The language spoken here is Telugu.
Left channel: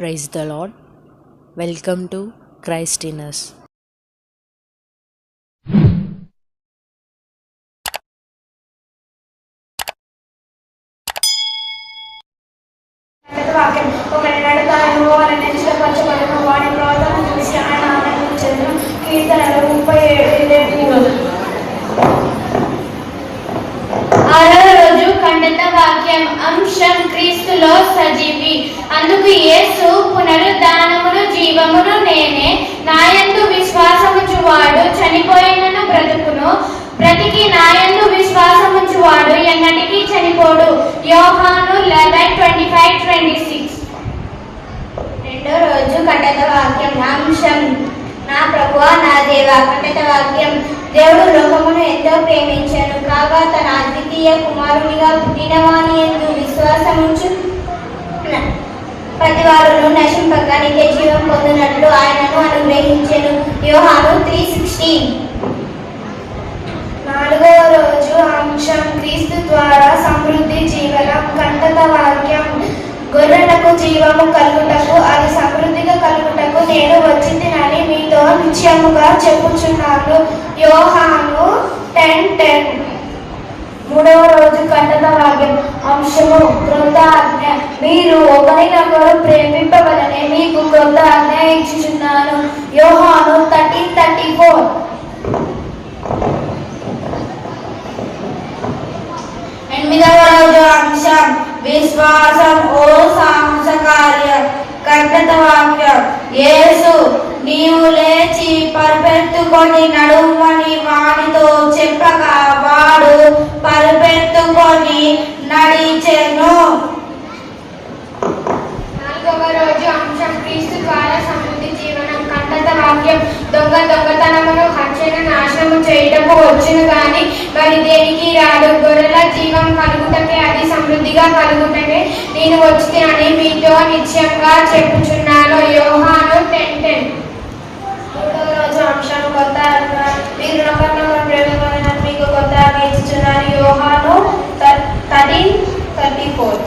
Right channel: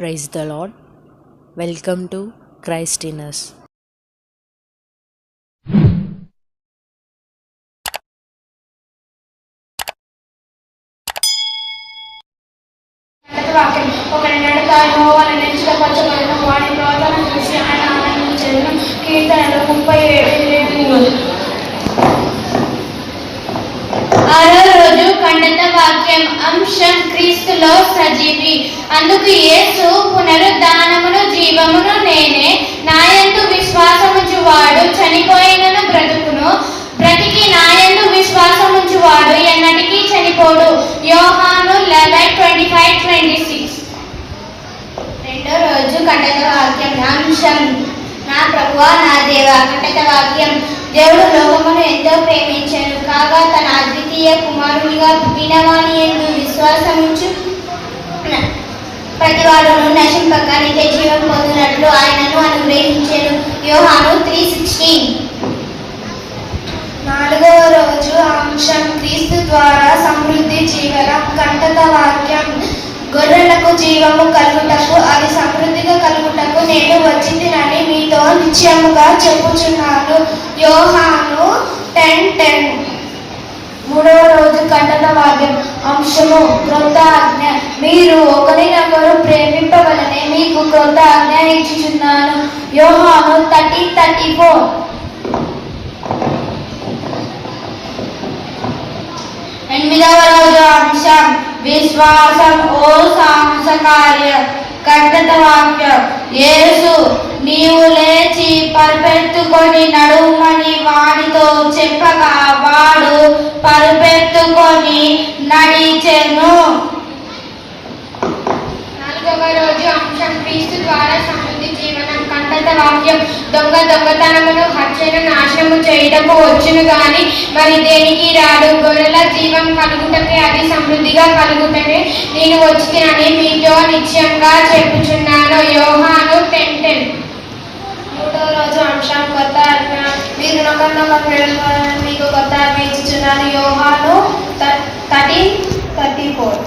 Praise the Lord welcome to క్రైస్టినస్ ఆరో రోజు వాక్యం అంశం క్రీస్తులో సజీవి అందుకు యేసు పునరుద్ధానమును జీవమును నేనే. నాయందు విశ్వాసముంచువాడు చనిపోయినను బ్రతుకును. బ్రతికి నాయందు విశ్వాసముంచువాడు ఎన్నటికీ చనిపోడు. యోహాను eleven twenty five twenty six రెండో రోజు కటక వాక్యం అంశం నా ప్రభువా నా దేవ కటక వాక్యం. దేవుడు లోకమును ఎంతో ప్రేమించాడు. కాగా తన అద్వితీయ కుమారునిగా పుట్టినవాని ఎందు విశ్వాసముంచు ప్రతి వాడును నశింపక నిత్య జీవం పొందినట్లు ఆయనను అనుగ్రహించాను యోహాను త్రీ సిక్స్టీన్ నాలుగవ రోజు అంశం క్రీస్తు ద్వారా సమృద్ధి జీవనం కంటత వాక్యం. గొర్రెలకు జీవము కలుగుటకు అది సమృద్ధిగా కలుగుటకు నేను వచ్చిందినని మీతో నిశ్చయముగా చెప్పుచున్నాను. యోహాను టెన్ టెన్ మూడవ రోజు కంటత వాక్యం. అంశము క్రొత్త ఆజ్ఞ మీరు ఒకరినొకరు ప్రేమింపవలనే మీకు కొంత ఆజ్ఞ ఇచ్చుచున్నాను. యోహాను థర్టీ థర్టీ ఫోర్. ఎనిమిదవ రోజు అంశం విశ్వాసం ఓ సాహస కార్యం కట్టత వాక్యం. యేసు నీవు లేచి పరిపెత్తుకొని నడుమని వాడితో క్రీస్తు ద్వారా సమృద్ధి జీవనం పన్నత వాక్యం దొంగ దొంగతనములు హత్యను నాశనము చేయటము వచ్చును కానీ మరి దేనికి రాడు గొర్రెల జీవం కలుగుటమే అది సమృద్ధిగా కలుగుటమే నేను వచ్చినని మీతో నిశ్చయంగా చెప్పుచున్నాను. యోహాను పెంటెన్ మూడవ రోజు అంశం కొత్త ఆజ్ఞ. మీరు మీకు కొత్త ఇచ్చుచున్నాను. యోహాను థర్టీ థర్టీ ఫోర్.